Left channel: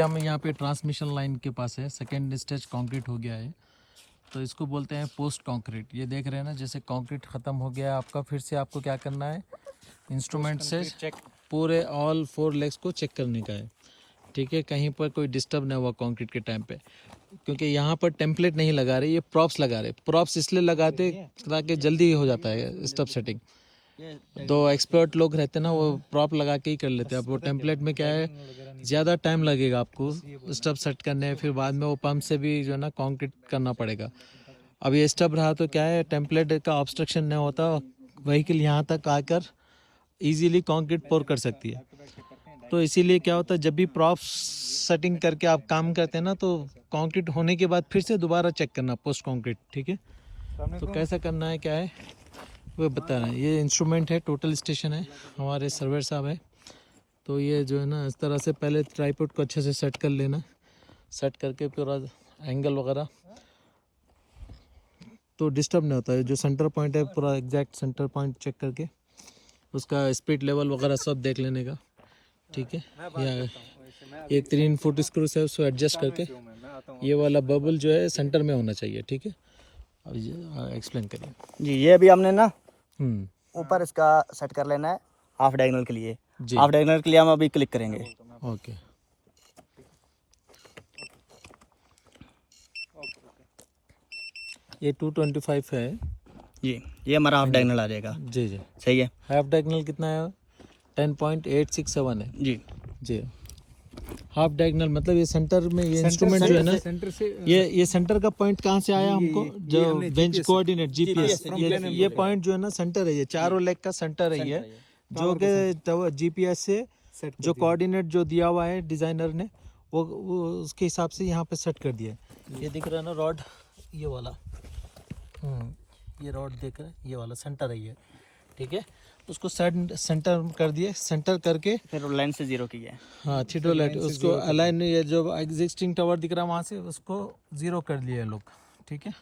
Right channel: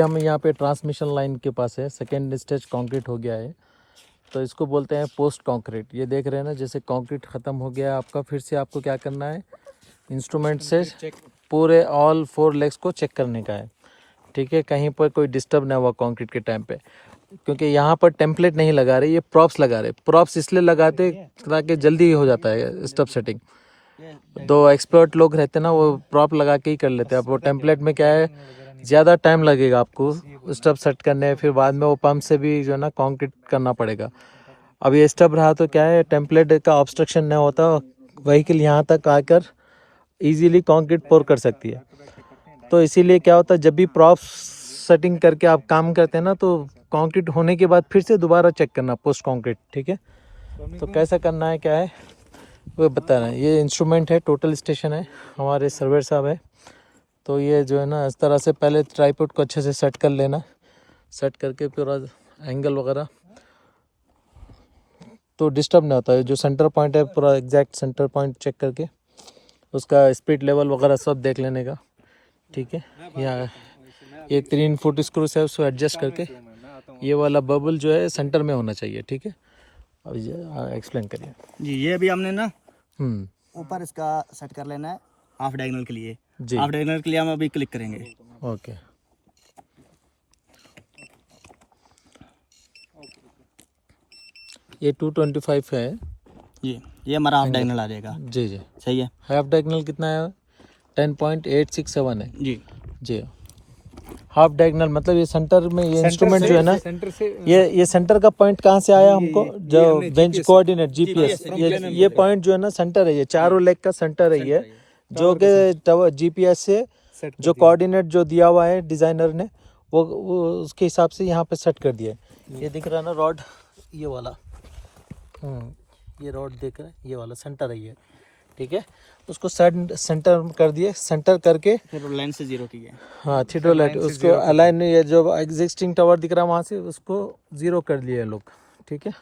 हम यहाँ पे ट्रांसमिशन लाइन के पास है, सेकेंड स्टेज कंक्रीट हो गया है, तो इसको बोलते हैं पोस्ट कंक्रीट। ये देख रहे हैं ना, जैसे कंक्रीट ख़त्म हो गया आपका, फिर से आपको क्या करना है, इंस्ट्रूमेंट से पूरे ऑल 4 लेग्स को चेक करने का है। ठीक है, कहीं पर कोई डिस्टर्ब ना हुआ कंक्रीट के टाइम पे, क्योंकि यहाँ पर टेम्पलेट नहीं लगा रहे, ये प्रॉप्स लगा रहे। प्रॉप्स इसलिए लगाते ताकि जल्दी हो जाता है स्टब सेटिंग। 2 एक्सपर्ट लोग रहते ना, वो प्रॉप लगा के ही कर लेते हैं। अब वो टेम्पलेट में क्या है, ज़्यादा टाइम लगेगा आपको स्टब सेट करने, फिर बाद में वो पंप से भी जो है ना कंक्रीट करना पड़ेगा। अब ये स्टब रहा तो क्या है, टेम्पलेट का ऑब्स्ट्रक्शन नहीं होता, व्हीकल यहाँ तक आकर इजीली कंक्रीट पोर कर सकती है। तो इसीलिए क्या होता है, जब भी प्रॉप सेटिंग करके आप काम करते हैं ना, तो कंक्रीट होने के बाद फिर से दोबारा चेक करना पोस्ट कंक्रीट। ठीक है, तो कैसा करना है, क्या है वो बता रहे हैं। ये इंस्ट्रूमेंट है, टोटल स्टेशन है, हमारे सर्वेयर साहब है। तो ये जो है ना, इस तरह से पहले ट्राइपॉड को अच्छे से सेट कर लेना, सेट करके पूरा एंगल वगैरह तो डिस्टर्ब नहीं होता है। जो सेंटर पॉइंट है, पूरा एग्जैक्ट सेंटर पॉइंट चेक करके उसका स्पीड लेवल वगैरह सब देख लेने का। ठीक है, यहाँ एक 3 फुट स्क्रू से उसको एडजस्ट करके ये वाला बबल जो है सेंटर में होना चाहिए। ठीक है, अब एक्सप्लेन करिए जी। ये अभी हमने ना ऊपर इसका सेट कर लेना है हाफ डायगोनल के लिए। हाफ डायगोनल के लिए हम अभी क्लिक करेंगे। ओके, ये 225 है जी। ये हमारा हाफ डायगोनल आ जाएगा। जी जी, सही है। हाफ डायगोनल कितना है, 10.867 है जी जी। हाफ डायगोनल मतलब ये सेंटर में, ये इंस्ट्रूमेंट जो है ना, सेंटर से ये सेंटर का पॉइंट कहाँ से आया हमको, जो बेंच कोऑर्डिनेट जीपीएस, ये पॉइंट जो है ना सेंटर है, ये चारों लेग का सेंटर है ये, जो कि जीपीएस से जो कोऑर्डिनेट जो दिया हुआ है डिजाइनर ने, वो उसके हिसाब से यहाँ पे सेट कर दिया है। ये दिख रहा है ना रॉड, ये वाला ये रॉड देख रहे हैं, ये वाला सेंटर है ये। ठीक है, उसको सेंटर कर दिए, सेंटर करके फिर लाइन से 0 किया है। हाँ, थीटो लाइट उसको अलाइन, ये जो एग्जिस्टिंग टावर दिख रहा है वहाँ से उसको 0 कर लिए लोग। ठीक है,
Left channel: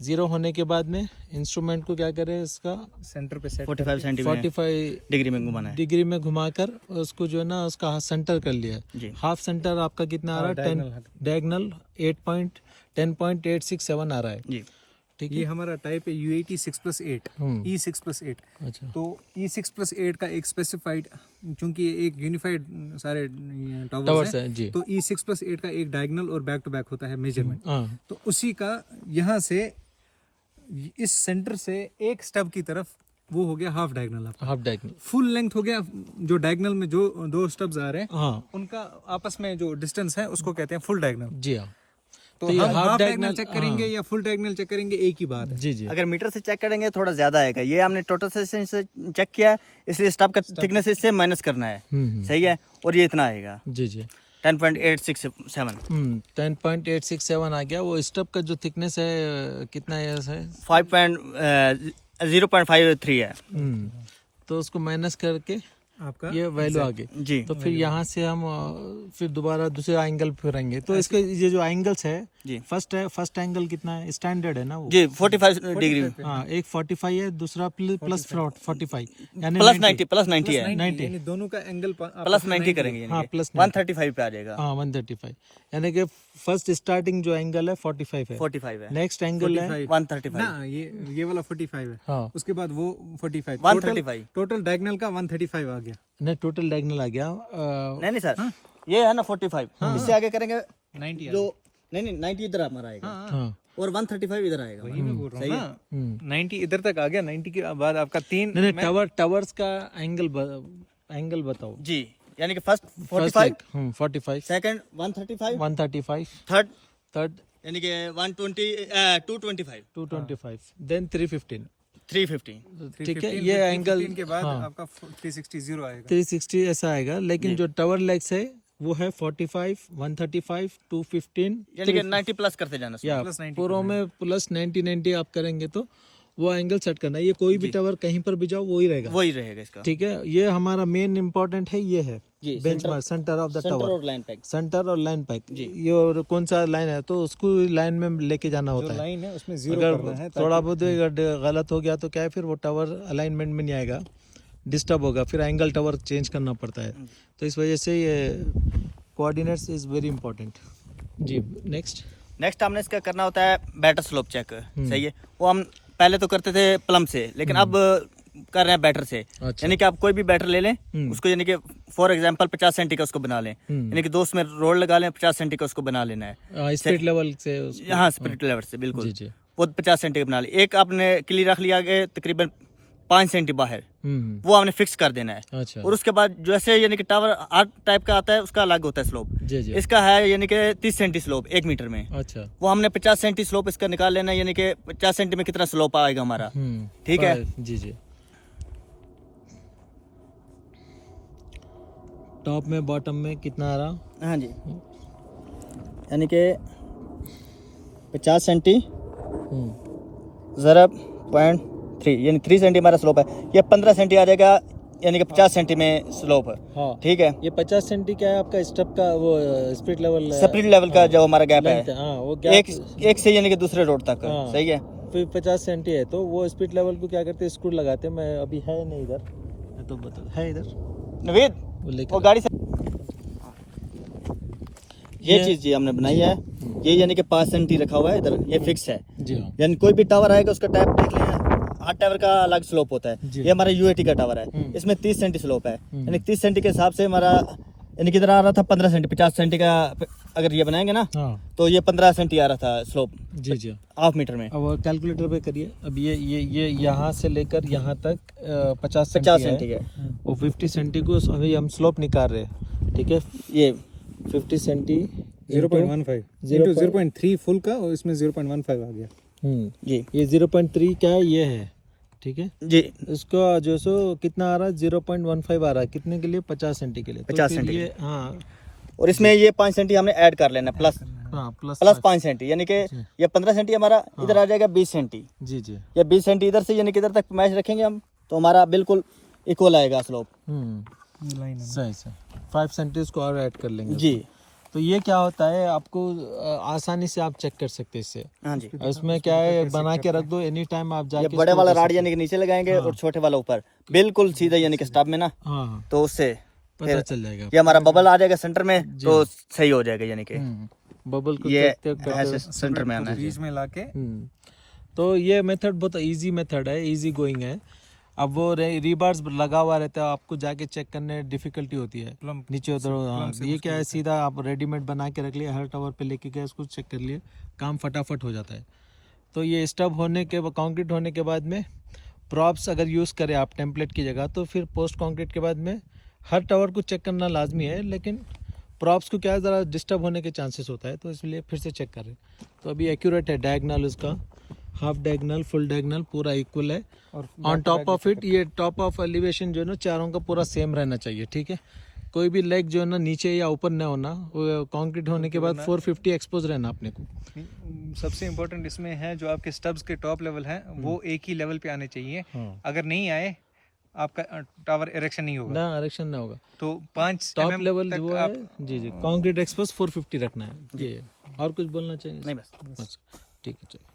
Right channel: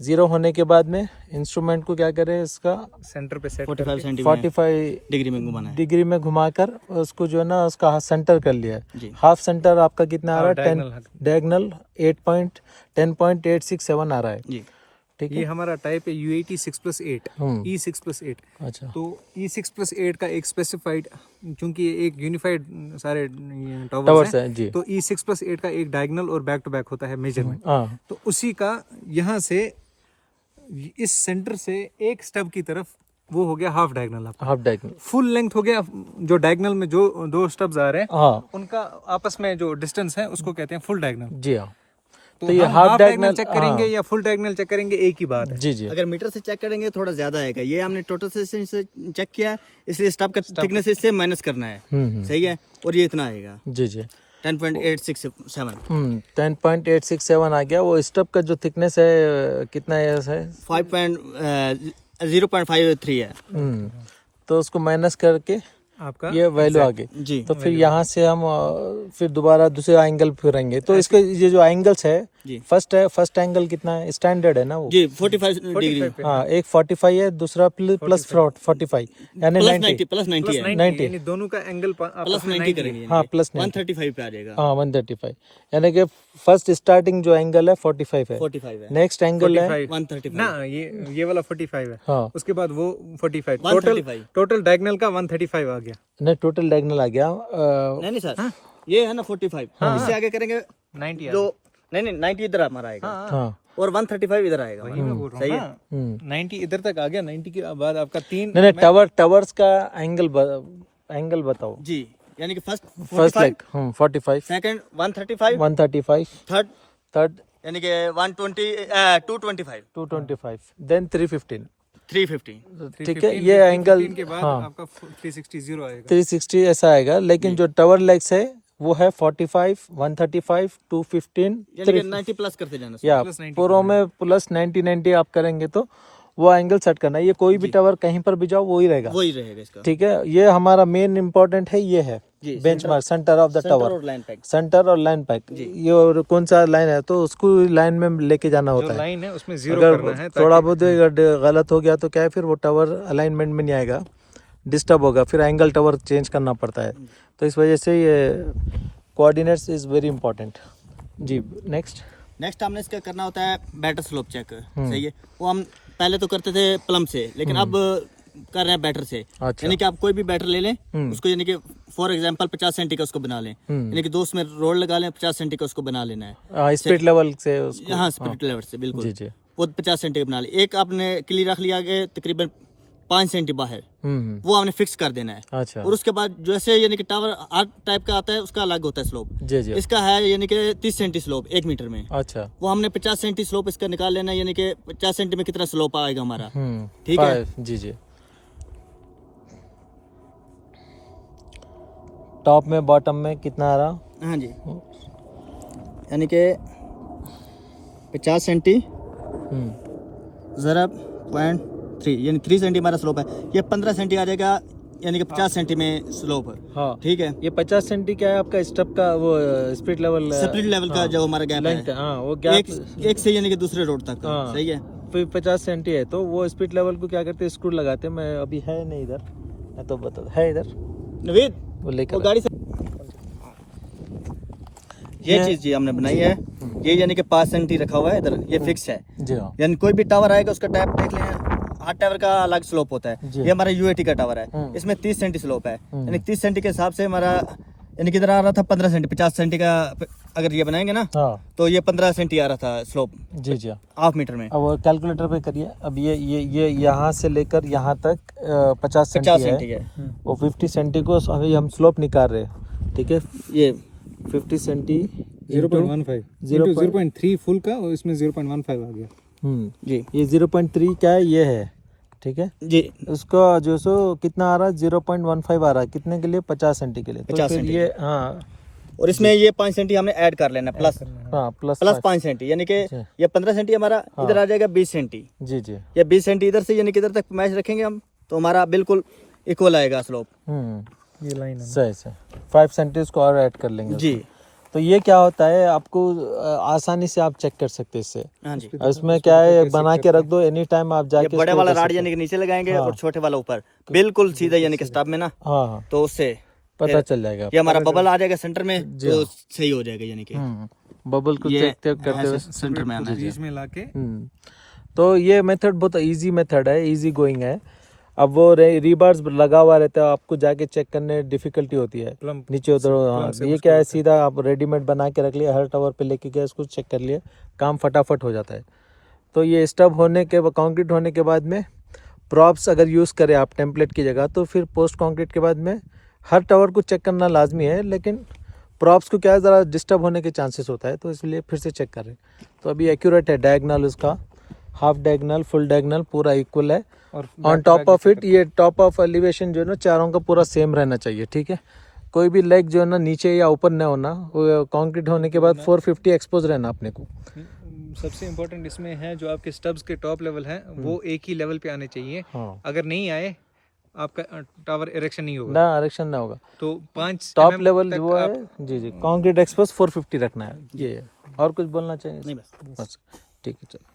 0 होने के बाद में इंस्ट्रूमेंट को क्या करें, इसका सेंटर पे सेट 45 डिग्री में घुमाना है, डिग्री में घुमाकर उसको जो है ना उसका सेंटर कर लिया है। हाफ सेंटर आपका कितना आ रहा है, डायगोनल 10.867 आ रहा है जी। ठीक है, ये हमारा टाइप है UAT 6+8 E6+8। अच्छा, तो E6+8 का एक स्पेसिफाइड, क्योंकि एक यूनिफाइड सारे टावर्स हैं जी, तो E6+8 का एक डायगोनल और बैक टू बैक होता है मेजरमेंट। तो उसी का यहाँ से इस सेंटर से एक स्टब की तरफ वो हो गया हाफ डायगोनल आपका। हाफ डायगोनल फुल लेंथ हो गया, जो डायगोनल में जो 2 स्टब्स आ रहे हैं उनका आपस में जो डिस्टेंस है उसको कहते हैं फुल डायगोनल। जी हाँ, तो हम हाफ डायगोनल चेक करेंगे या फुल डायगोनल चेक करेंगे, एक ही बात है। जी जी, अगर मीटर से चेक करेंगे थोड़ा ज्यादा आएगा। ये हमने टोटल सेक्शन से चेक किया, इसलिए स्टब का थिकनेस इससे माइनस करना है। सही है, और ये इतना आएगा जी जी, 10.867 10.867 आ गया। वो स्टब का जो थिकनेस है कितना है, 0.53 है। तो उसको माइनस करके आपका ये वैल्यू आ गई जी। तो फिर यहाँ से हम फिर दोबारा दूसरा एंगल फिरेंगे। तो इसके ये जो एंगल्स है जी, फर्स्ट एंगल कितना है, स्टैंडर्ड है ना वो जी 45 डिग्री। हाँ, एक 45 है, दूसरा प्लस 45 यानी प्लस 90 है, 90 यानी दोनों का एंगल प्लस 90 करेंगे। हाँ, प्लस 135 पे आ जाएगा। हाँ 135, यानी कि फर्स्ट स्टार्टिंग जो एंगल है 45 है, 45 है, नेक्स्ट एंगल है 135 ना, ये वाला 45 है। हाँ, उसके बाद वो 45, 135 टोटल डायगोनल का 135 आ गया। नहीं टोटल डायगोनल आ गया। नहीं सर, ये है ना 45, इससे आगे करेंगे 90 जो नहीं 90 इधर हमारा आएगा। हाँ, और 135 इधर आएगा। सही है, 90 इधर तक आ गया। 90 के बाद आपका 3 नहीं टावर्स का एंगल बताओ जी। यानी कि फर्स्ट 45, सेकंड 135, थर्ड यानी कि 225, देन 315। ठीक है, ये 315 एंगल के बाद आपका 360 आएगा, 360 ऐसा आएगा। लेकिन जो टावर लेग्स है वो है 45, 135, 215, यानी कि 90 प्लस करते जाना। या पूरों में प्लस 90 आप करेंगे तो वो एंगल सेट करना है। ये कोई भी टावर कहीं पर भी जाओ वही रहेगा इसका। ठीक है, ये हमारा मेन इम्पोर्टेंट है, ये है benchmark, centre of the tower, centre और लाइन पैक। ये और कौन सा लाइन है तो उसको लाइन में लेके जाना होता है। लाइन है उसमें 0 करना है। थोड़ा बहुत अगर गलत हो गया तो क्या है, फिर वो टावर अलाइनमेंट में नहीं आएगा, डिस्टर्ब होगा, फिर एंगल टावर चेंज करना पड़ता है। तो इस वजह से ये कोऑर्डिनेट्स इज वेरी इंपॉर्टेंट जी। नेक्स्ट नेक्स्ट हमने इसका करना होता है बैटर स्लोप चेक, सही है। वो हम पहले तो करते थे प्लम से, लेकिन अब कर रहे हैं बैटर से। अच्छा। यानी कि आप कोई भी बैटर ले लें, उसको यानी कि फॉर एग्जांपल 50 सेंटी का उसको बना लें, यानी कि 2 उसमें रोल लगा लें, 50 सेंटी का उसको बना लेना है स्पिरिट लेवल से हाँ स्पिरिट लेवल से बिल्कुल जी जी। वो 50 सेंटी का बना लें। एक आपने किली रख लिया आगे तकरीबन 5 सेंटी बाहर, वो आपने फिक्स कर देना है। अच्छा। और उसके बाद जैसे यानी कि टावर आर्ट टाइप का आता है उसका अलग होता है स्लोप, जी जी। इसका है यानी कि 30 सेंटी स्लोप 1 मीटर में। अच्छा। वो हमने 50 सेंटी स्लोप इसका निकाल लेना है, यानी कि 50 सेंटी में कितना स्लोप आएगा हमारा, ठीक है जी जी। टॉप में बॉटम में कितना आ रहा? हाँ जी, यानी कि 50 सेंटी 0.3 यानी 3 सेंटी हमारा स्लोप है। ये 15 सेंटी आ जाएगा, यानी कि 50 सेंटी में स्लोप है। हाँ। ठीक है, ये 50 सेंटी क्या है आपका स्टेप का वो स्पिरिट लेवल? स्पिरिट लेवल का जो हमारा गैप है, हाँ, वो गैप एक से यानी कि दूसरे रोड तक, सही है। फिर 50 सेंटी है तो वो स्पिरिट लेवल को क्या करते हैं, स्क्रू लगाते हैं। मैं अभी है नहीं इधर, मैं तो बता है इधर नवीद वो लेकर वो गाड़ी से ये चीज जी हमने बनाई है। ये यानी कि 5 सेंटी रखा हुआ है इधर, ये फिक्स है जी। हाँ यानी कोई भी टावर आएगा उसका टाइप देख लें, हर टावर का अलग स्लोप होता है। ये हमारा यूएटी का टावर है, इसमें 30 सेंटी स्लोप है, यानी 30 सेंटी के हिसाब से हमारा यानी किधर आ रहा था 15 सेंटी। 50 सेंटी का अगर ये बनाएंगे ना, हाँ तो ये 15 सेंटी आ रहा था स्लोप जी जी। हाफ मीटर में। अब कैलकुलेटर पे करिए। अब ये यहाँ से लेकर यहाँ तक 50 50 सेंटी सेंटी है, है। वो 50 सेंटी को अभी हम स्लोप निकाल रहे हैं, ठीक है। ये 50 सेंटी 0.15 0.3 फुल का, और इसमें 0.15 आ गया। जी ये 0.3 क्या है, ये है, ठीक है जी। उसका जो सो कितना आ रहा है, 0.15 आ रहा है कितने के लिए, 50 सेंटी के लिए। 50 तो फिर सेंटी ये हाँ, और इसमें ये 5 सेंटी हमने ऐड कर लेना प्लस हाँ प्लस 5 सेंटी, यानी कि जी। ये 15 सेंटी हमारा इधर आ जाएगा 20 सेंटी। जी जी। ये 20 सेंटी इधर से यानी कि इधर तक मैच रखेंगे हम, तो हमारा बिल्कुल इक्वल आएगा स्लोप। ये लाइन है सही से 5 सेंटी उसको और ऐड कर लेंगे जी। तो ये क्या होता है, आपको आसानी से आप चेक कर सकते हैं इससे। हाँ जी, और इसमें क्या है, बना के रख दो, एनी टाइम आप ये जाके बड़े इसको वाला कर राड सकते यानी कि नीचे लगाएंगे हाँ। और छोटे वाला ऊपर बिल्कुल सीधा यानी कि स्टब में ना, हैं। हाँ हाँ, तो उससे पता चल जाएगा। ये हमारा बबल आ जाएगा सेंटर में, तो सही हो जाएगा। यानी कि बबल को ये चेक करते ऐसे सेंटर में आना है। बीच में लाके तो ये मेथड बहुत इजी मेथड है, इजी गोइंग है। अब वो रीबार्स लगा हुआ रहता है, आपको जाके चेक करने डिफिकल्टी होती है नीचे उधर। हाँ, ये क्या है, सीधा आप रेडीमेड बना के रख लिया, हर टावर पे लेके गया, इसको चेक कर लिया, काम फटाफट हो जाता है। तो ये स्टब होने के कंक्रीट होने के बाद में प्रॉप्स अगर यूज़ करें आप टेम्पलेट की जगह, तो फिर पोस्ट कंक्रीट के बाद में हर टावर को चेक करना लाजमी है, लेकिन प्रॉप्स को क्या है, ज़रा डिस्टर्ब होने के चांसेस होता है, तो इसलिए फिर से चेक करें। तो अभी एक्यूरेट है, डायगनल उसका हाफ डायगनल फुल डायगनल पूरा इक्वल है। और ऑन टॉप ऑफ इट ये टॉप ऑफ एलिवेशन जो है ना, चारों का पूरा सेम रहना चाहिए, ठीक है। कोई भी लेग जो है ना नीचे या ऊपर न होना, वो कंक्रीट होने के बाद 450 एक्सपोज रहना अपने को। सबसे इम्पोर्टेंट इसमें है जो आपके स्टब्स के टॉप लेवल हैं वो एक ही लेवल पे आने चाहिए। हाँ। अगर नहीं आए आपका टावर इरेक्शन नहीं होगा, ना इरेक्शन ना होगा। तो 5 टॉप लेवल वो है जी जी, कंक्रीट एक्सपोज 450 रखना है। ये और कुछ बोलना चाहिए? नहीं, बस ठीक है, चलो।